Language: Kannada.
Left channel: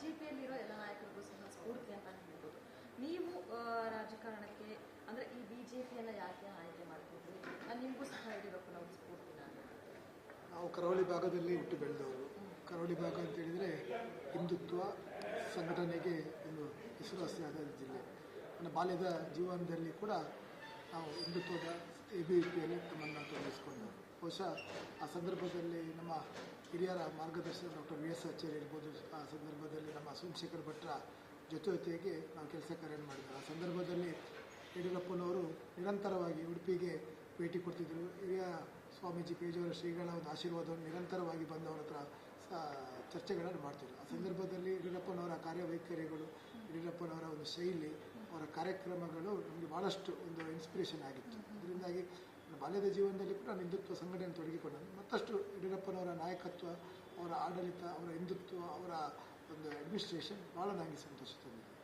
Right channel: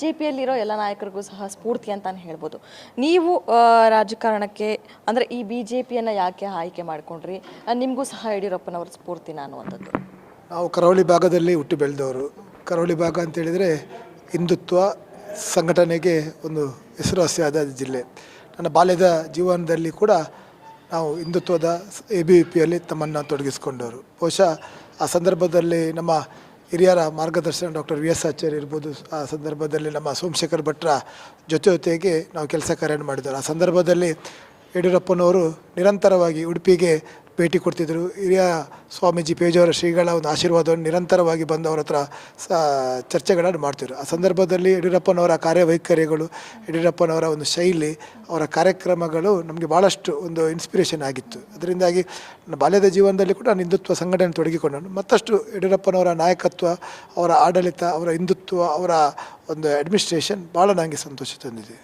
BJPಯಲ್ಲಿರೋ ಎಲ್ಲ ನಾಯಕರಿಗೂ ಸಹ ಸ್ಫೂರ್ತಿ ಅಂತಾನೆ ಹೇಳ್ಬೋದು. ನೀವು ರಾಜಕಾರಣಕ್ಕೆ ಅಂದರೆ ಈ BJPಯನ್ನು ಯಾಕೆ ಆಯ್ಕೆ ಮಾಡ್ಕೊಂಡ್ರಿ? ನಿಮಗೂ ಸಹ ಯಡಿಯೂರಪ್ಪನವ್ರ ಸ್ಫೂರ್ತಿನಾ ಅನ್ನುವಂಥದ್ದು. ನಾವು ಕರಾವಳಿ ಭಾಗದಲ್ಲಿ ಹುಟ್ಟಿ ಬೆಳೆದವರು. ಕರಾವಳಿ ಭಾಗ ಅಂತೇಳಿದರೆ ಹಿಂದುತ್ವ ಸಂಘಟನೆಗೆ ಒಂದು ಹೆಸರುವಾಸಿಯಾದ ಜಿಲ್ಲೆ. ನನ್ನ ಬಾಲ್ಯದ ಜೀವನದಲ್ಲಿ ಕೂಡ ನಾವು ಹಿಂದುತ್ವದ ABVPಯಲ್ಲಿ ತಮ್ಮನ್ನು ತೊಡಗಿಸಿಕೊಂಡವರು. ಬಹುಶಃ ಆ ಸಂದರ್ಭದಲ್ಲಿ ನಮ್ಮ ಹಿರಿಯರ ಮಾರ್ಗದರ್ಶನ ಡಾಕ್ಟರ್ VS ಆಚಾರ್ಯ ಇರ್ಬೋದು. ಆ ಸಂದರ್ಭದಲ್ಲಿ ನಮ್ಮ ಸೋಮಶೇಖರ್ ಭಟ್ರ ಜೊತೆಗೆ ನಾವು ಕೆಲಸ ಕಾರ್ಯ ಮಾಡಿದರು. ಆ ಸಂದರ್ಭದಲ್ಲಿ ಯಡಿಯೂರಪ್ಪನವರು ನಿರಂತರವಾಗಿ ಉಡುಪಿಗೆ ಭೇಟಿ ಕೊಡ್ತಿದ್ದರು. ಹಿರಿಯ ಸ್ವಾಮೀಜಿ ಪೇಜಾವರ ಶ್ರೀಗಳ ಒಂದು ಆಶೀರ್ವಾದವನ್ನು ನಿರಂತರವಾಗಿ ಬಂದು ಅವರ ಹತ್ರ ಚರ್ಚೆಗಳನ್ನು ಮಾಡ್ತಿದ್ರು. ಆ ಸಂದರ್ಭದಲ್ಲಿ ಯಡಿಯೂರಪ್ಪನವರ ಕಾರ್ಯವೈಖರಿಗಳು, ಯಡಿಯೂರಪ್ಪನವರ ಒಂದು ಶೈಲಿ, ಅವರ ಕಾರ್ಯಕ್ರಮಗಳು ನಮಗೆ ಭಾಳಷ್ಟು ಒಂದು ಇನ್ಸ್ಪಿರೇಷನ್ ಆಗಿತ್ತು. ಅದರಿಂದಾಗಿ ನನ್ನ ಬಾಲ್ಯದ ಜೀವನದಲ್ಲಿ ಕೂಡ ನಾನು ಹಿಂದುತ್ವ ಸಂಘಟನೆ ತೊಡಗಿಕೊಂಡನು. ಮತ್ತಷ್ಟು ಯಡಿಯೂರಪ್ಪನವರ ನಾಯಕತ್ವ, ಅವರ ಆಡಳಿತ, ಅವರ ಹಿಂದುತ್ವ, ಅವರ ಒಂದು ಅಡ್ಮಿನಿಸ್ಟ್ರೇಷನ್ ಭಾಳ ನನಗೆ ಸಂತೋಷ ತಂದಿದೆ.